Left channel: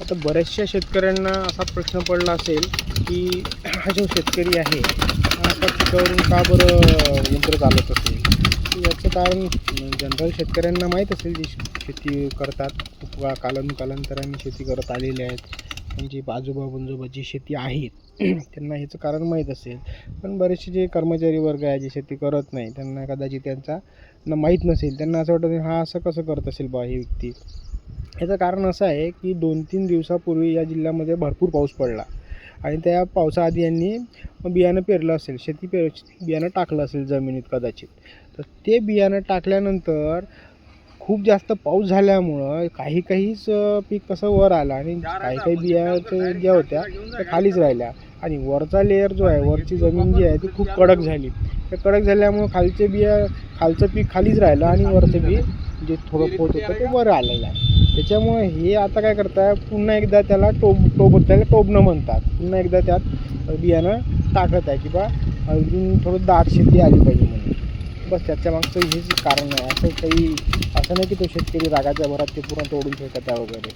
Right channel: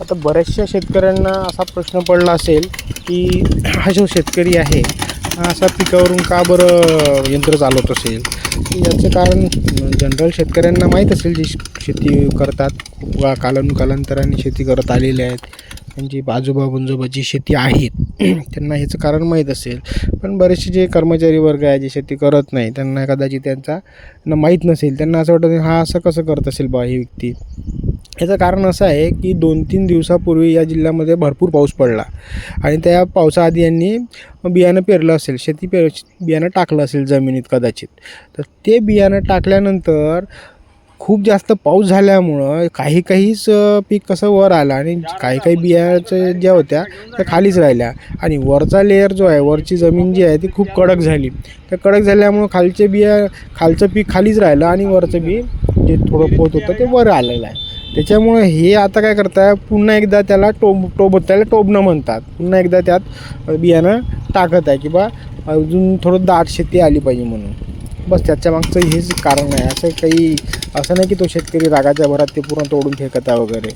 आता बऱ्याचशा शेतकऱ्यांना असा प्रश्न पडला असेल की हा जो शेतकरी आहे हा असा पिकावरून का बरं यंत्र चालवत असेल. याचं कारण जनरल शेतकऱ्यांना माहीत असेल, जी शेती करतात वा कालांतराने शेती करत आलेले आहेत, त्यांची आजोबा जी शेती आहेत त्यांना ह्याचं कारण माहीत असेल. पण बरेचसे जे कर्मचारी वर्ग आहे, जे शेती करत नाही, त्यांना कदाचित त्यांचा माहीत नसेल. त्यांना असं वाटतं हा असं कसं करत असेल बा ही व्यक्ती. याचं कारण असं आहे की 2-3 दिवसापूर्वी या जिल्ह्यामध्ये भरपूर पाऊस पडला आणि त्या पावसाआधी यांनी बियाणं पेरलं असेल, बियाणं टाकलं असेल जमिनीत कदाचित. तर ते बियाणं टाकल्यानंतर खूप जास्त पाऊस झाल्यामुळं काहीच पीक कसं वर आलं आणि काही बियाचं ज्या होत्या त्या खालीच राहिल्या आणि वरचा लेयर जो आहे, वरची जमीन जी आहे ती खूप कडक झाली. त्या कडक झाल्यामुळं खालचं पीक खालीच राहिलं आणि वरचं बी जे थोडं पोत होतं ते वर आलेलं आहे. त्याच्यामुळं हे आता काय करताय, पुन्हा एकदा त्याला टोबणं म्हणतात. पुन्हा एकदा त्यात बियाणं टाकत आहे की बा अजून थोडं दाट शेती आली पाहिजे म्हणून. बस त्याच्या मागचं हेच कारण आहे. असं नाही की तो शेतकरी रागाच्या भरात ते पूर्ण तोडून फेकत आहे वगैरे.